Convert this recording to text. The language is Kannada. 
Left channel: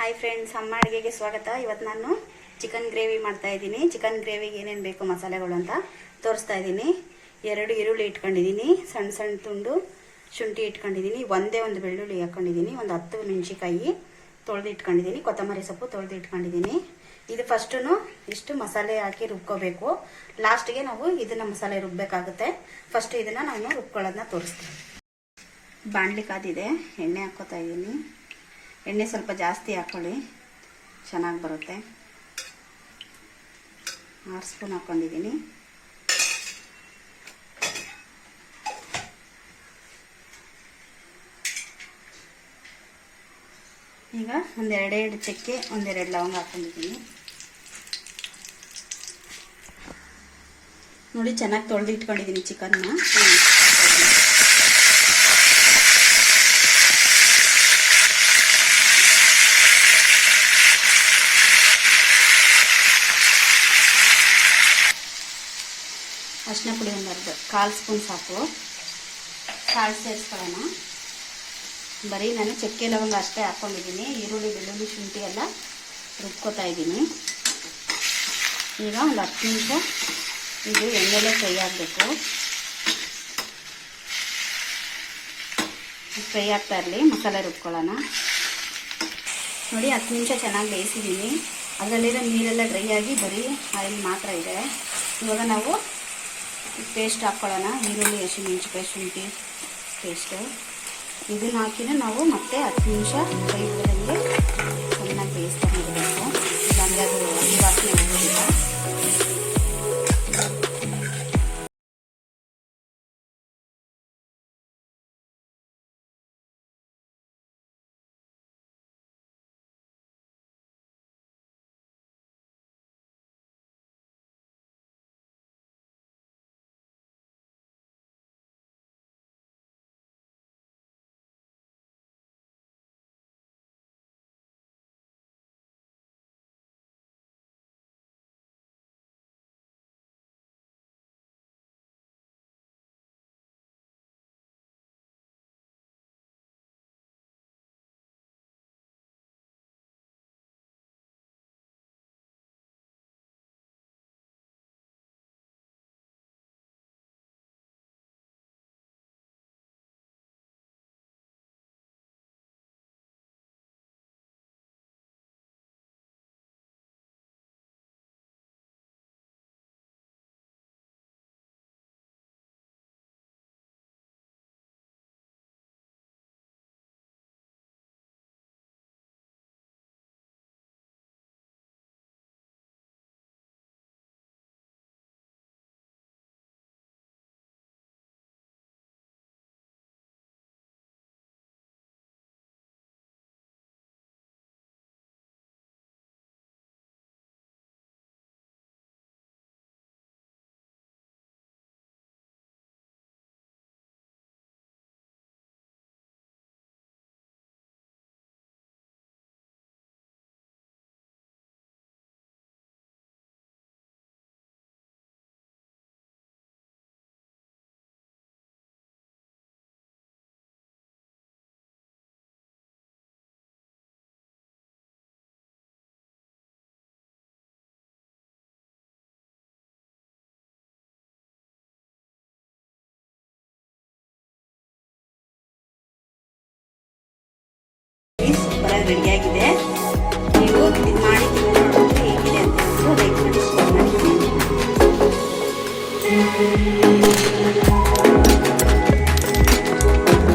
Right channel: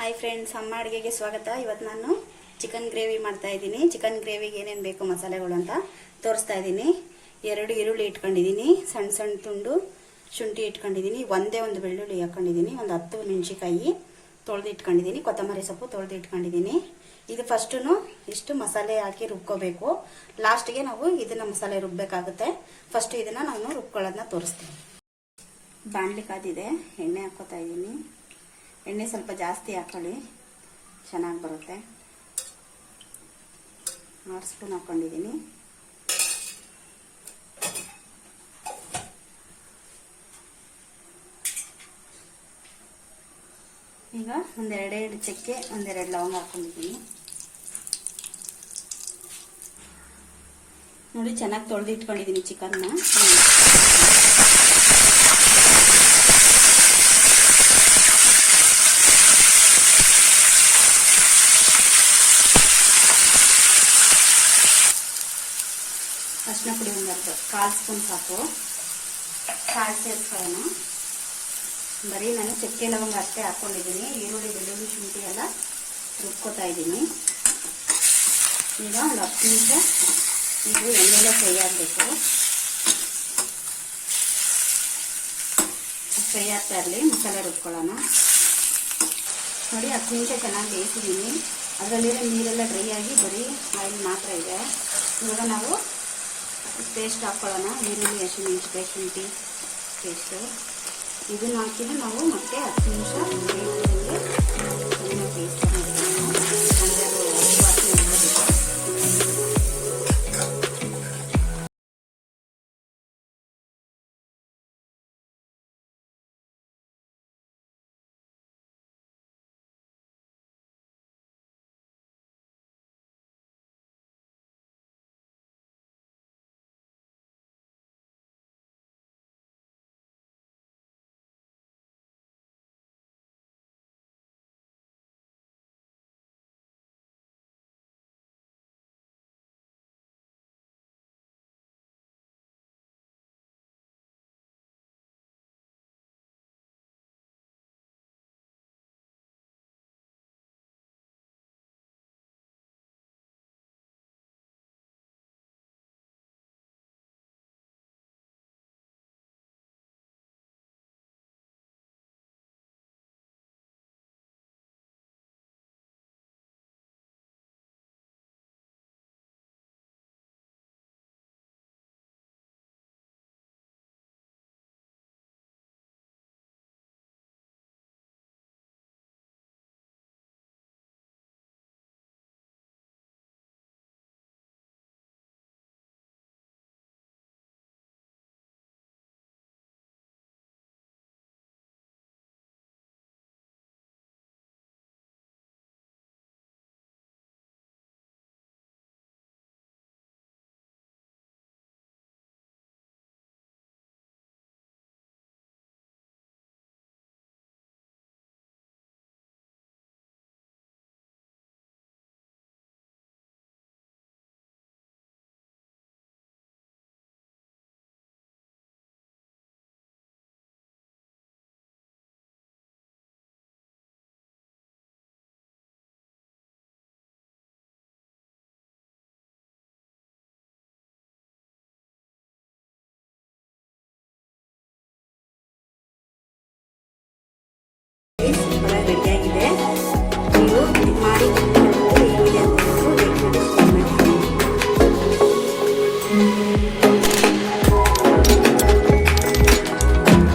ಹಾಯ್ ಫ್ರೆಂಡ್ಸ್, ಅಮ್ಮ ಅಡುಗೆಗೆ ಸ್ವಾಗತ. ಇವತ್ತು ನಾನು ಚಿಕನ್ ಗ್ರೇವಿ ಮಾಡ್ತಾ ಇದ್ದೀನಿ. ಚಿಕನ್ ಗ್ರೇವಿಗೆ ಏನೇನು ಬೇಕು ಮಸಾಲೆಗಳು ಅಂತ ತೋರಿಸ್ತಾ ಇದ್ದೀನಿ. 2 ಈರುಳ್ಳಿ ಇಟ್ಕೊಂಡಿದ್ದೀನಿ, ಸಣ್ಣ ಸಣ್ಣ ತುಂಡು ಶುಂಠಿ ಇಟ್ಕೊಂಡಿದ್ದೀನಿ, ಒಂದೇ ಒಂದು ಬೆಳ್ಳುಳ್ಳಿ ಹಾಕೊಂಡಿದ್ದೀನಿ, ಒಂದು 10 ಮೆಣಸಿನಕಾಯಿ ತೊಳೆದು ಇಟ್ಕೊಂಡಿದ್ದೀನಿ, ಕೊತ್ತಂಬರಿ ಸೊಪ್ಪು ತೊಳೆದು ಇಟ್ಕೊಂಡಿದ್ದೀನಿ. ಇದು ಫಸ್ಟು ಇಷ್ಟು ಮಸಾಲೆ ಹಾಕಿ ರುಬ್ಕೋಬೇಕು. ಲಾಸ್ಟ್ಗೆ ನಾವು ಇದನ್ನ ಮಸಾಲೆ ರುಬ್ಬೇಕಾಗುತ್ತೆ. ಫಸ್ಟ್ ಇದನ್ನ ನಾನು ರುಬ್ಕೊಳ್ಳೋದನ್ನ ತೋರಿಸ್ತೀನಿ. ಬಾಣಲಿ ಕಾದಿದೆ, ಎಣ್ಣೆ ಹಾಕೋತಾ ಇದ್ದೀನಿ. ಎಣ್ಣೆ ಸ್ವಲ್ಪ ಜಾಸ್ತಿ ಹಾಕೊಳ್ಳಿ, ಚೆನ್ನಾಗಿ ಬರುತ್ತೆ. 6 ಸ್ಪೂನ್ ಹಾಕೊಂಡಿದ್ದೀನಿ. ಈಗ ಒಂದೆರಡು ಚಕ್ಕೆ, ಒಂದೆರಡು ಲವಂಗ ಹಾಕೊಂಡಿದ್ದೀನಿ. ನೋಡಿ, ಚೆನ್ನಾಗಿ ತೊಳೆದು ಇಟ್ಕೊಂಡಿದ್ದೀನಿ ಚಿಕನ್ನ. ಅರಿಶಿನ ಪುಡಿ ಒಂದು 1/4 ಸ್ಪೂನ್ ಸಾಕು. ಸಾಲ್ಟ್ ಸೇರಿಸ್ಕೊಳ್ಳೋಣ. ಬರೀ ನಾನು ಚಕ್ಕೆ ಲವಂಗ ಅಷ್ಟೇ ಹಾಕ್ಕೊಂಡಿದ್ದೀನಿ. ಈರುಳ್ಳಿ, ಬೆಳ್ಳುಳ್ಳಿ, ಶುಂಠಿ ಎಲ್ಲ ರುಬ್ಕೋತಾ ಇದ್ದೀನಿ. ಈಗ ಒಂದು 10 ನಿಮಿಷ ಇದು ಎಣ್ಣೆಲೆ ಫ್ರೈ ಆಗಬೇಕು. ಫ್ರೈ ಆಗ್ತಾ ಇರಲಿ, ಮಸಾಲೆ ರುಬ್ಕೊಳ್ಳೋಣ. ನೋಡಿ, 10 ನಿಮಿಷ ಚೆನ್ನಾಗಿ ಬೇಯಿಸಿದ್ದೀನಿ. ಅದರಲ್ಲಿರೋ ನೀರೆಲ್ಲ ಡ್ರೈ ಆಗಿ ಬರೀ ಆಯಿಲ್ ಮಾತ್ರ ಇದೆ. ಇವಾಗ ನಾವು ಪೇಸ್ಟ್ ಹಾಕ್ಕೊಳ್ಳೋಣ. ಈರುಳ್ಳಿ, ಹಸಿಮೆಣಸಿನಕಾಯಿ, ಶುಂಠಿ ಪೇಸ್ಟು ಇದನ್ನು ಹಾಕಿದ್ರೆ ನಾವು ಮತ್ತೆ 10 ನಿಮಿಷ ಬೇಯಿಸಿದಂಗೆ ಚೆನ್ನಾಗಿ ಬೇಯಿಸ್ತಾ ಇರಬೇಕು. ಸೂಪರಾಗಿ ರೆಡಿಯಾಗಿದೆ.